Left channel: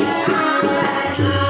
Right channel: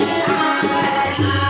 Yeah.